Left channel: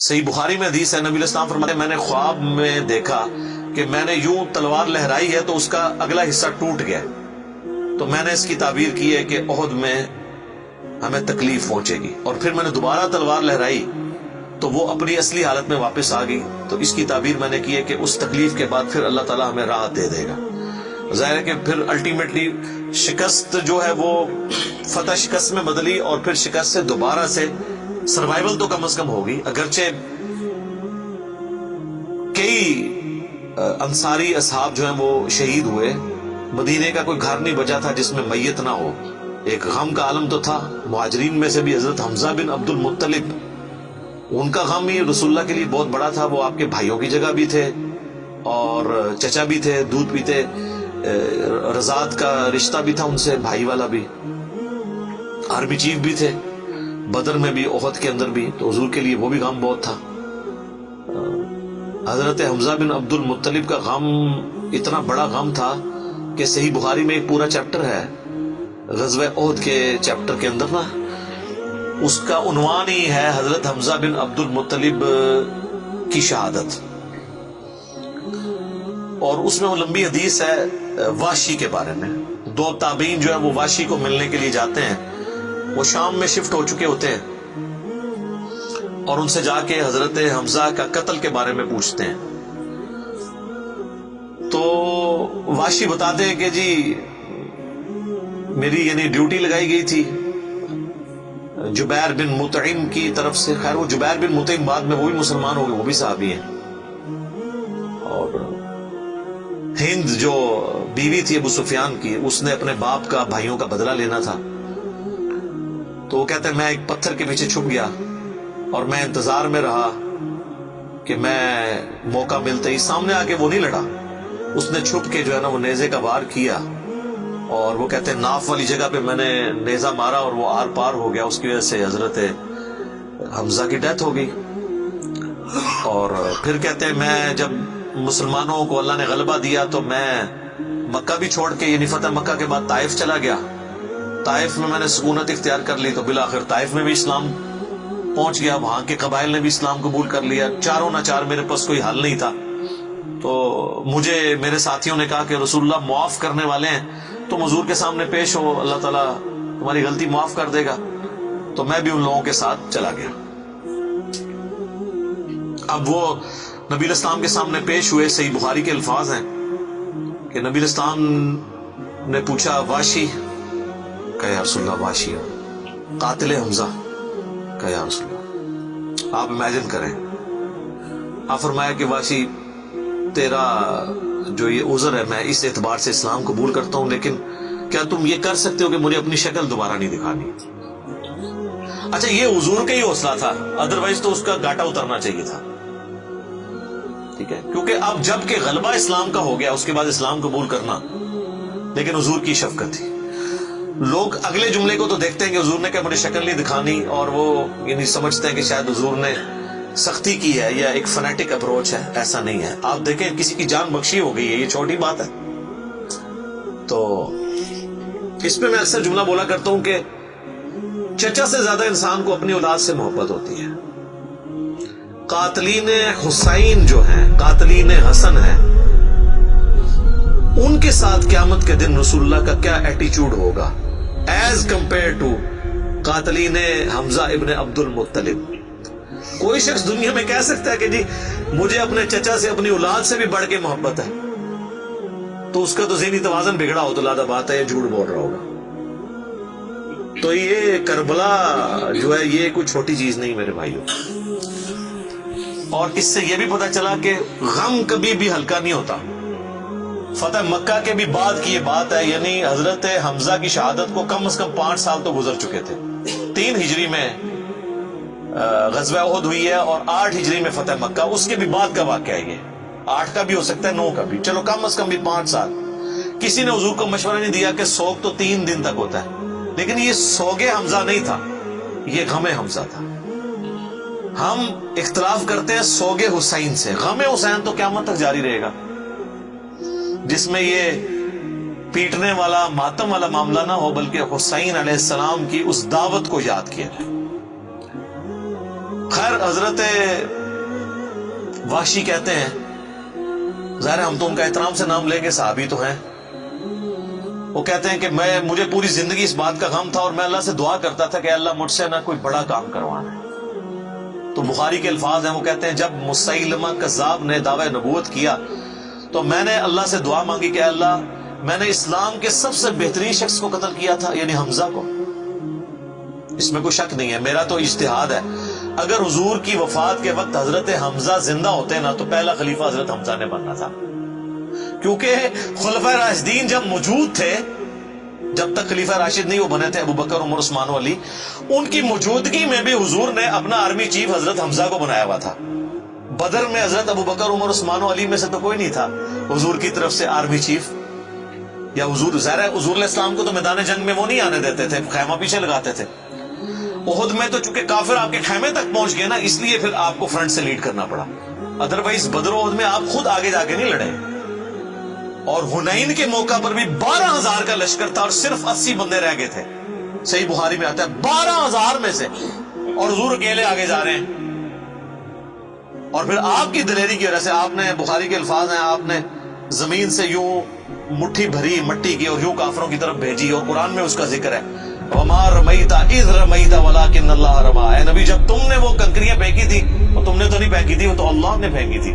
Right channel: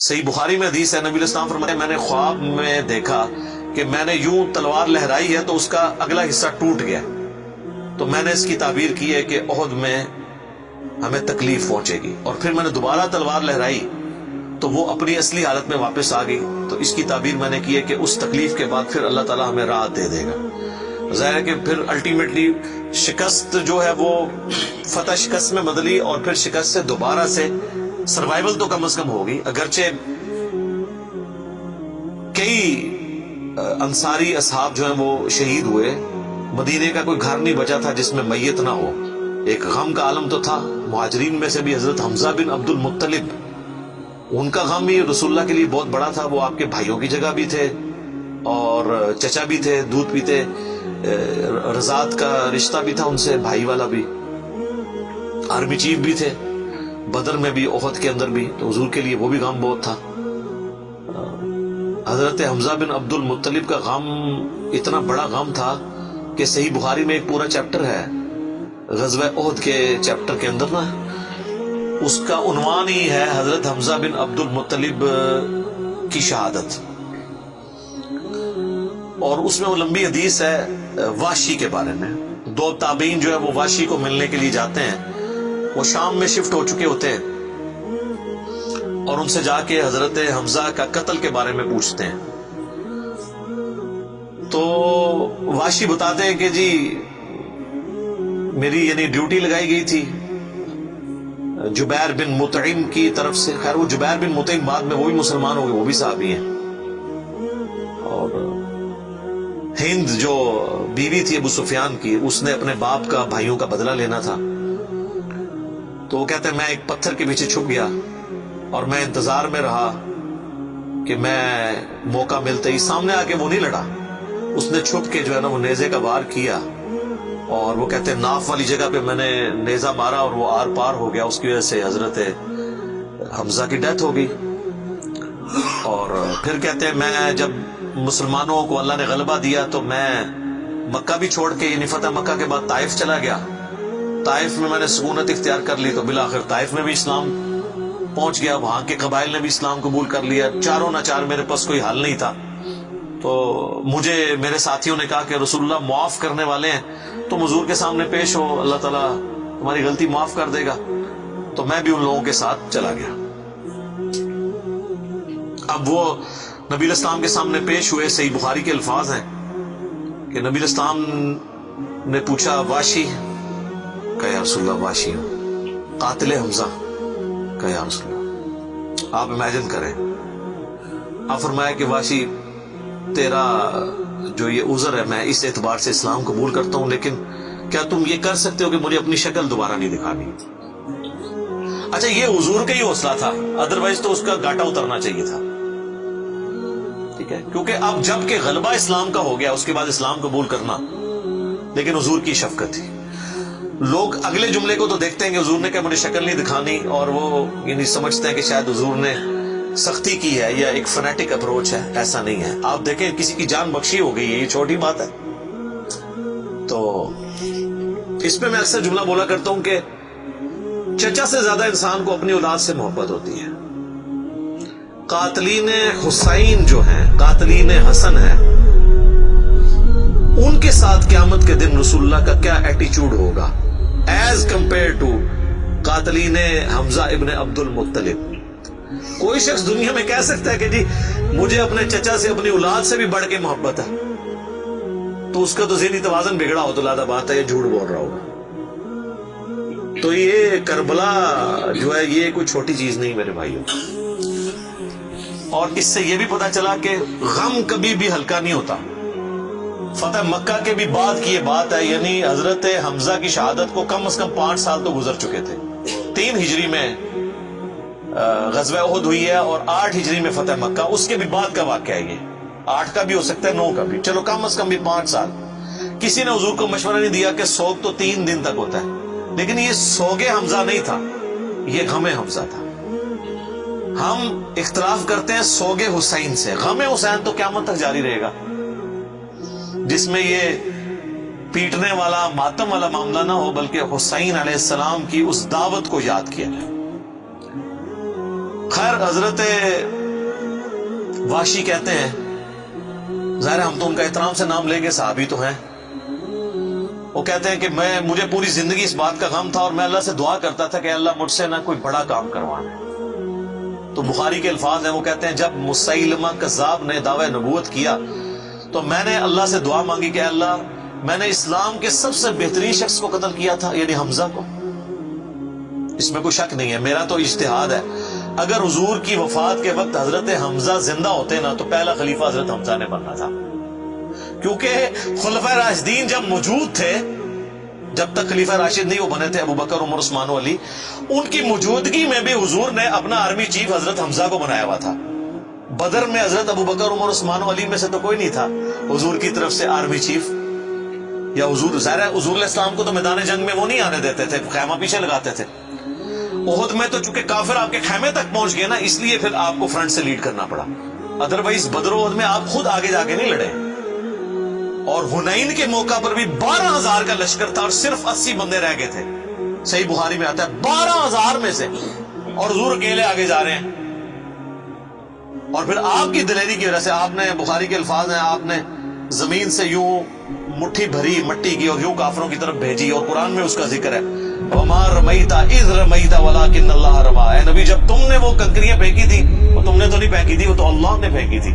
صحیح بخاری میں حدیث ہے، نبی علیہ السلام فرماتے ہیں میں نے خواب میں دیکھا کہ میں نے یوں تلوار لہرائی ہے تو اس کا اگلا حصہ ٹوٹ گیا، تو میں نے اس کی تعبیر کی ہے کہ احد میں ہمیں تکلیف پہنچے گی، اور پھر میں نے دوبارہ تلوار لہرائی تو وہ اپنی اصلی حالت میں واپس آ گئی، تو اس کی تعبیر میں نے کی ہے کہ اس تکلیف کے بعد پھر اللہ تعالیٰ ہمیں راحت دے دے گا۔ ظاہر ہے کہ پھر الٹیمیٹلی شکست جو ہے وہ فتح شکست میں بدلی، اور پھر شکست سے دوبارہ سے سروائیول تو کم از کم ہوگی، اگرچہ کئی انصاری اصحاب جو ہیں وہ شہید ہوئے، مدینے کا کوئی گھر نہیں بچا تھا جس میں میت نہ ہو، ایک غم کا عالم تو تھا۔ مہاجرین میں سے بھی حضرت حمزہ بن عبد المطلب، ان کا غم ہی رسول اللہ کے لیے بہت بڑا تھا، وہ آپ کے بھائیوں کی جگہ بھی تھے اور چچا بھی تھے، دودھ پیتے، رضاعت کا رشتہ بھی تھا ان سے، بھائی والا بھی، آرمی چیف بھی تھے، بدر میں بھی احد کے اندر بھی، تو حضور کے لیے وہ بھی غم بہت تھا۔ حضرت حمزہ بن عبد المطلب کا غم اتنا بڑا غم تھا کہ صحیح بخاری میں ایک پورا چیپٹر ہے غزوہ احد کے چیپٹر کے اندر نا، اس کا عنوان ہی ہے حضرت حمزہ بن عبد المطلب کی شہادت، اور اس میں وہ لمبی حدیث ہے واشی کے بارے میں۔ دو تابعین جو ہے وہ واشی کو ملنے کے لیے جاتے ہیں، وہ شام میں شفٹ ہو چکے ہوتے ہیں، اور ان سے جا کے حضرت حمزہ کا قتل کے بارے میں پوچھتے ہیں، تو واشی بتاتے ہیں کہ جی میری یعنی ڈیوٹی لگائی گئی تھی جبیر بن مطعم کی طرف سے۔ خیر وہ جبیر بن مطعم بعد میں وہ بھی مسلمان ہو گئے، وہ بھی صحابی ہیں، اور ہند جو بیوی تھی ابو سفیان کی، اس نے اپنے باپ کا بھائیوں کا بدلہ لینا تھا، تو وہ کہتے ہیں میں ایک پتھر کے پیچھے چھپ گیا اور میں انتظار میں رہا کہ میں موقع ملتے ہی سامنے آ کے وہ نہیں لڑا، اس نے چھپ کے جو ہے نا وہ نیزے کا وار کیا، اور وہ کہتے ہیں ناف والی جگہ پہ میں نے نیزہ مارا اور وہ آر پار ہو گیا، اس کی وجہ سے حضرت حمزہ کی ڈیتھ ہو گئی۔ اور پھر کہتے ہیں میں جب مسلمانوں کو اللہ نے غلبہ دیا تو میں مکہ بھی چھوڑ کے یعنی فتح مکہ کے بعد طائف چلا گیا، طائف میں نے سکونت اختیار کر لی، تو بالآخر طائف میں بھی اسلام پہنچ گیا، وہاں کے قبائل نے بھی اسلام قبول کر لیا، چاروں ناچار میرے پاس کوئی حل نہیں تھا، تو مجھے میرے ساتھیوں نے کہا کہ رسول اللہ معاف کرنے والے ہیں، تم حضور کے سامنے پیش ہو، اللہ تعالیٰ تمہاری غلطی معاف کر دے گا، تو میں بھی ان لوگوں کے ساتھ چلا گیا۔ اب وہ نبی علیہ السلام کے سامنے پیش ہوئے، صحیح بخاری کے الفاظ ہیں کہ نبی علیہ السلام نے پوچھا واشی کہ یا رسول اللہ واشی ہوں، قاتل حمزہ کہ یا رسول اللہ۔ آپ امیجن کریں، آپ فرمایا کہ واشی تیرا جو یہ عذر ہے میں اس اعتبار سے اسلام قبول کرتا ہوں، لیکن کیا تم یہ کر سکتے ہو کہ مجھے اپنی شکل دوبارہ نہیں دکھانی؟ اچھا یہ حضور کا ہی حوصلہ تھا، ادروائز تو اس کا گاٹا اترنا چاہیے تھا، ٹھیک ہے، کیونکہ اب جب کہ غلبہ اسلام کا ہو گیا اس کے بعد اسلام قبول کرنا، لیکن حضور کی شفقت تھی۔ لوگ اگلے جملے کو تو دیکھتے ہیں کہ حضور نے کہا مجھے شکل نہیں دکھانی، اور وہ یعنی سمجھتے ہیں کہ شاید حضور نے سختی کی ہے یا ایک فنیٹک اپروچ ہے، ایسا نہیں ہے۔ آپ دیکھیں کسی کی جان بخشی ہو گئی ہے، یہ چھوٹی بات ہے۔ تو اس پہ میں اکثر جملہ بولا کرتا ہوں کہ چچا سے زیادہ انسان کو اپنی اولاد سے محبت ہوتی ہے۔ قاتلین حسین جو ہیں، قاتلین حسن ہیں، ان کے ساتھ قیامت کے دن رسول اللہ کا کیا ایٹیچیوڈ ہوگا ایز کمپیئر ٹو قاتلین حمزہ ابن عبد المطلب۔ کوئی شخص دنیا میں کہہ سکتا ہے کہ جی مجھے اپنے چچا سے اپنی اولاد سے بھی بڑھ کے محبت ہے، تو اس کا تو ذہنی توازن بگڑا ہو تو لادہ بات ہے، یہ جھوٹ بول رہا ہوگا۔ تو یہ کربلا جو ہے یہ کوئی چھوٹی چیز نہیں میرے بھائیوں، اور اس سے یہ بھی پتا چلا کہ غم کبھی بھی ہلکا نہیں ہوتا۔ فتح مکہ کے بھی بعد کی یہ بات ہے، یعنی حضرت حمزہ کی شہادت کو کم از کم 5 سال تو گزر چکے تھے۔ 3 ہجری میں غزوہ احد ہوئی ہے اور 8 ہجری میں فتح مکہ، اس کے بھی بعد کا واقعہ ہے، یہ 8 کا بھی ہو سکتا ہے 9 کا بھی، چلو کم از کم بھی 5 سال۔ کسی نے حضور کو مشورہ نہیں دیا کہ سوگ تو 3 دن تک ہوتا ہے، لیکن یہ سوگ حمزہ نہیں تھا، یہ غم حمزہ تھا۔ ہم اختلاف کرتے ہیں سوگ حسین سے، غم حسین تو قیامت تک جاری رہے گا، جس میں یہ پیٹنے والا ماتم والا معاملہ نہ ہو، بلکہ حسین علیہ السلام کی اس دعوت کو یاد کیا جائے۔ خیر حضرت وحشی کہتے ہیں، ظاہر ہم تو ان کا احترام سے نام لیں گے، صحابی تو ہیں، وہ کہتے ہیں کہ مجھے پوری زندگی اس بات کا غم تھا اور میں اللہ سے دعا کرتا تھا کہ اللہ مجھ سے نہ کوئی بڑا کام کروانا ہے۔ تو بخاری کے الفاظ ہیں، وہ کہتے ہیں جب مسیلمہ کذاب نے دعوی نبوت کیا تو میں نے اللہ سے دعا مانگی کہ اللہ میں نے اسلام کے سب سے بہترین شخص کو قتل کیا تھا، یعنی حمزہ کو، اس میں کوئی شک نہیں ہے، میرا تو اجتہاد ہے، اگر حضور کی وفات کے وقت حضرت حمزہ زندہ ہوتے نا تو پہلا خلیفہ حضرت حمزہ نے بننا تھا، کیونکہ خلفائے راشدین جب موجود تھے، جب تک خلیفہ راشد نہیں وہ بنے تھے ابو بکر عمر عثمان و علی، ان کی موجودگی میں بھی حضور نے اپنا آرمی چیف حضرت حمزہ کو بنایا ہوا تھا۔ بدر میں حضرت ابو بکر عمر عثمان و علی میں سے تو کوئی نہیں تھا حضور کی طرف سے آرمی چیف، یا حضور ظاہر ہے حضور علیہ السلام کو تو میدان جنگ میں وہ نہیں آنے دیتے تھے، خیمہ پیچھے لگاتے تھے۔ احد میں تو چونکہ کافر آپ کے خیمے تک پہنچ گئے نا، اس لیے پھر آپ کو فرنٹ سے لیڈ کرنا پڑا، ادروائز بدر و احد میں آپ خود آگے جا کے نہیں لڑے۔ اور حنین کے موقع پر بھی 12,000 کا لشکر تھا اور صرف 80 بندے رہ گئے تھے، صحیح بخاری میں آتا ہے 12,000 میں سے، اور حضور اکیلے آگے جا رہے ہیں۔ اور پھر آپ کی دلیری کی وجہ سے آپ نے، بخاری کے الفاظ ہیں، آپ نے زمین سے یوں مٹھی بھری مٹی کی اور یوں کافروں کی طرف بھیجی، اور قرآن میں اس کا ذکر ہے وَمَا رَمَيْتَ إِذْ رَمَيْتَ وَلَكِنَّ اللَّهَ رَمَىٰ، اے نبی جب تم نے وہ کنکریاں پھینکی تھی وہ تم نے تو نہیں پھینکی تھی، وہ تو اللہ نے پھینکی تھی،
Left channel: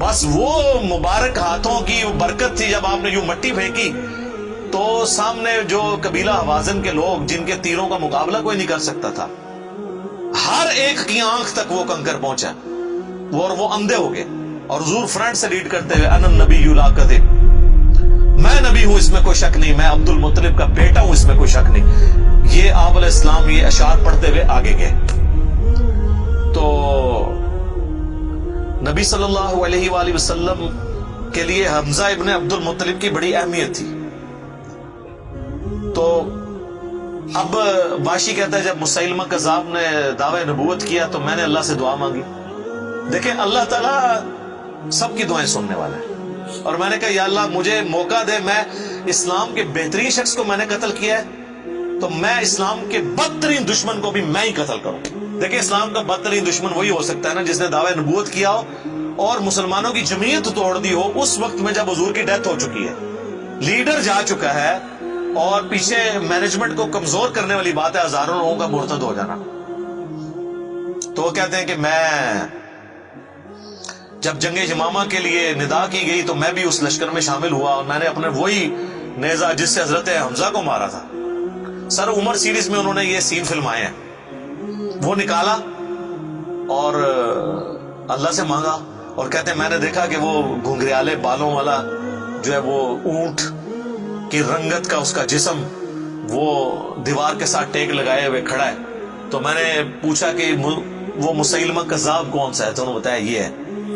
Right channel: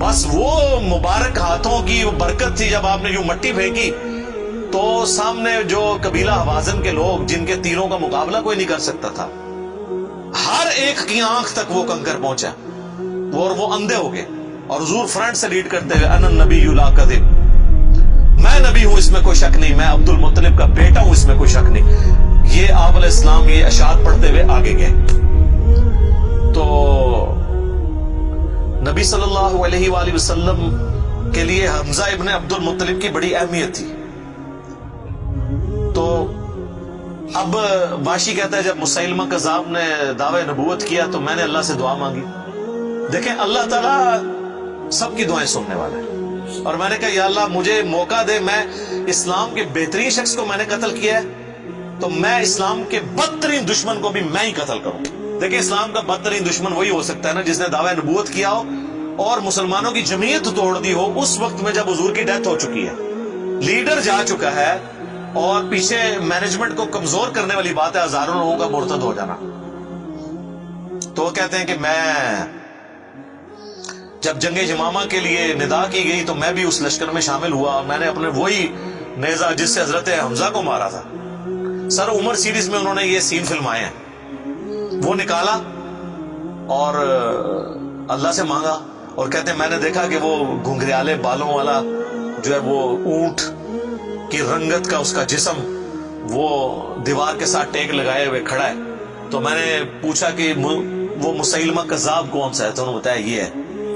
بس وہ مبارک ہاتھوں کی برکت تھی۔ جب آپ نے یوں مٹی پھینکی تو سامنے جو قبیلہ حوازن کے لوگ جن کے تیروں کا مقابلہ کوئی نہیں کر سکتا تھا، ہر ایک کی آنکھ تک وہ کنکر پہنچا، اور وہ اندھے ہو گئے، اور حضور فرنٹ سے لیڈ کرتے ہوئے انا النبی لا کذب، میں نبی ہوں اس میں کوئی شک نہیں، میں عبد المطلب کا بیٹا ہوں اس میں کوئی شک نہیں، یہ آپ علیہ السلام یہ اشعار پڑھتے ہوئے آگے گئے۔ تو نبی صلی اللہ علیہ وآلہ وسلم کے لیے حمزہ ابن عبد المطلب کی بڑی اہمیت تھی۔ تو اب واشی کہتا ہے جب مسیلمہ کذاب نے دعوی نبوت کیا تو میں نے اللہ سے دعا مانگی۔ دیکھیں اللہ تعالیٰ سب کی دعائیں سننے والا ہے، اور میں نے کہا یا اللہ مجھے موقع دے، میں اسلام کے بہترین شخص کو میں نے قتل کیا ہے تو میں اسلام کے بدترین دشمن کو بھی میں ہی قتل کروں۔ دیکھیں اسلام کا بدترین دشمن وہی ہو سکتا ہے نا جس نے دعوی نبوت کیا ہو اور مسلمانوں کی جمعیت توڑ دی ہو اس وقت میں جب حضور کی ڈیتھ ہو چکی ہے، لیڈر جا چکا ہے، اور پیچھے مینجمنٹ کو کمزور کرنے والی بات ہے ہزاروں لوگوں کا مرتد ہو جانا۔ تو وہ کہتے ہیں کہ میں جب جنگ یمامہ کے لیے ندا کی گئی تو میں بھی اس لشکر میں شامل ہوا، اور میں نے اپنے وہی نیزہ جس سے حضرت حمزہ کو مارا تھا، سر عمر سیریز میں انہوں نے یہ سین فلمائے ہیں، وہ نکالا اور اللہ سے مانگا، اور کہتے ہیں میں نے دیکھا کہ وہ گھنگریالے بالوں والا جو ہے وہ اونٹ کی رنگت کا اس کا جسم وہ دیوار کے ساتھ ٹیک لگائے ہوئے کھڑا ہے۔ تو میں نے پوچھا کہ وہ مسیلمہ کذاب کون سا ہے، تو انہوں نے بتایا یہ ہے۔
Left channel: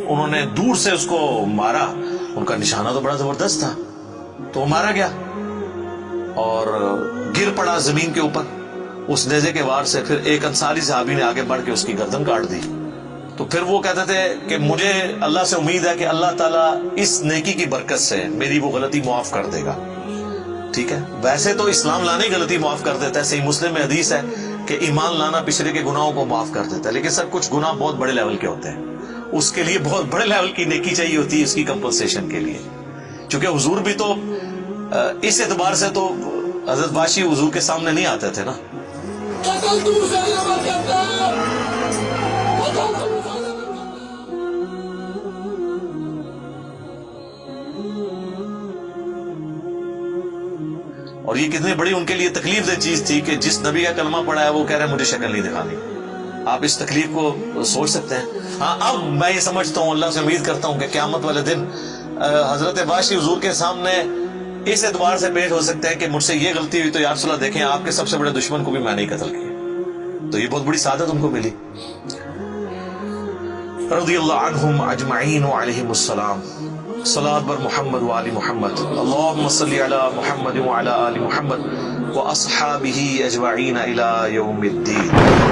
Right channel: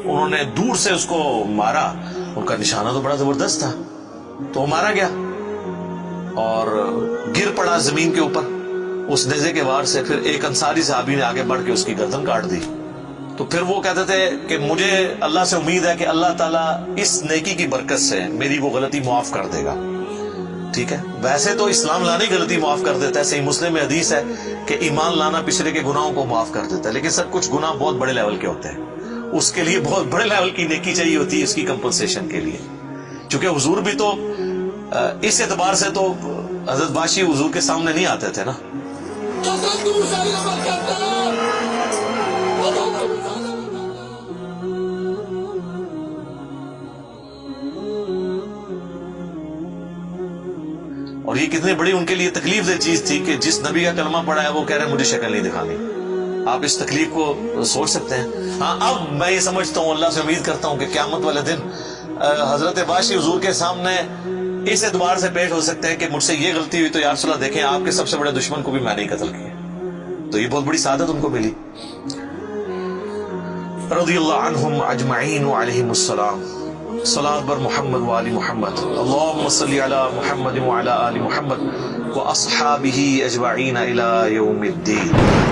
انہوں نے دور سے اس کو مارا، ان کا نشانہ تو بڑا زبردست تھا، تو وہ مارا گیا اور گر پڑا زمین کے اوپر اس نیزے کے وار سے۔ پھر ایک انصاری صحابی نے آگے بڑھ کے اس کی گردن کاٹ دی۔ تو پھر وہ کہتے تھے کہ مجھے اللہ سے امید ہے کہ اللہ تعالیٰ اس نیکی کی برکت سے میری وہ غلطی معاف کر دے گا۔ ٹھیک ہے، ویسے تو اسلام لانے کی غلطی معاف کر دیتا ہے، صحیح مسلم میں حدیث ہے کہ ایمان لانا پچھلے کے گناہوں کو معاف کر دیتا ہے، لیکن سر کچھ گناہ بہت بڑے لیول کے ہوتے ہیں، اس کے لیے بہت بڑے لیول کی نیکی چاہیے ہوتی ہے اس کی کمپنسیشن کے لیے، چونکہ حضور بھی تو اس اعتبار سے تو حضرت واشی حضور کے سامنے نہیں آتے تھے نا۔ اور یہ کتنی بڑی ان کے لیے تکلیف دہ چیز تھی کہ جس نبی کا کلمہ پڑھا ہے وہ کہہ رہے ہیں مجھے شکل نہیں دکھانی۔ آپ اس تکلیف کو سوچ سکتے ہیں۔ ہاں اب میں یہ سمجھتا ہوں، اللہ سے امید کرتا ہوں کہ قیامت والے دن حضرت واشی حضور کے سامنے اس اعتبار سے پیش ہو سکتے ہیں کہ مجھ سے یہ غلطی ہوئی تو یا رسول اللہ دیکھیں آپ کے سب سے بڑے دشمن کو بھی میں نہیں قتل کیا، تو یہ بہت بڑی سعادت ان کو ملی۔ رضی اللہ عنہم اجمعین وعلیہم السلام۔ صلاۃ بر محمد وآل محمد، اللہم صلی علی محمد وعلی آل محمد واصحابہ اجمعین الی یوم الدین۔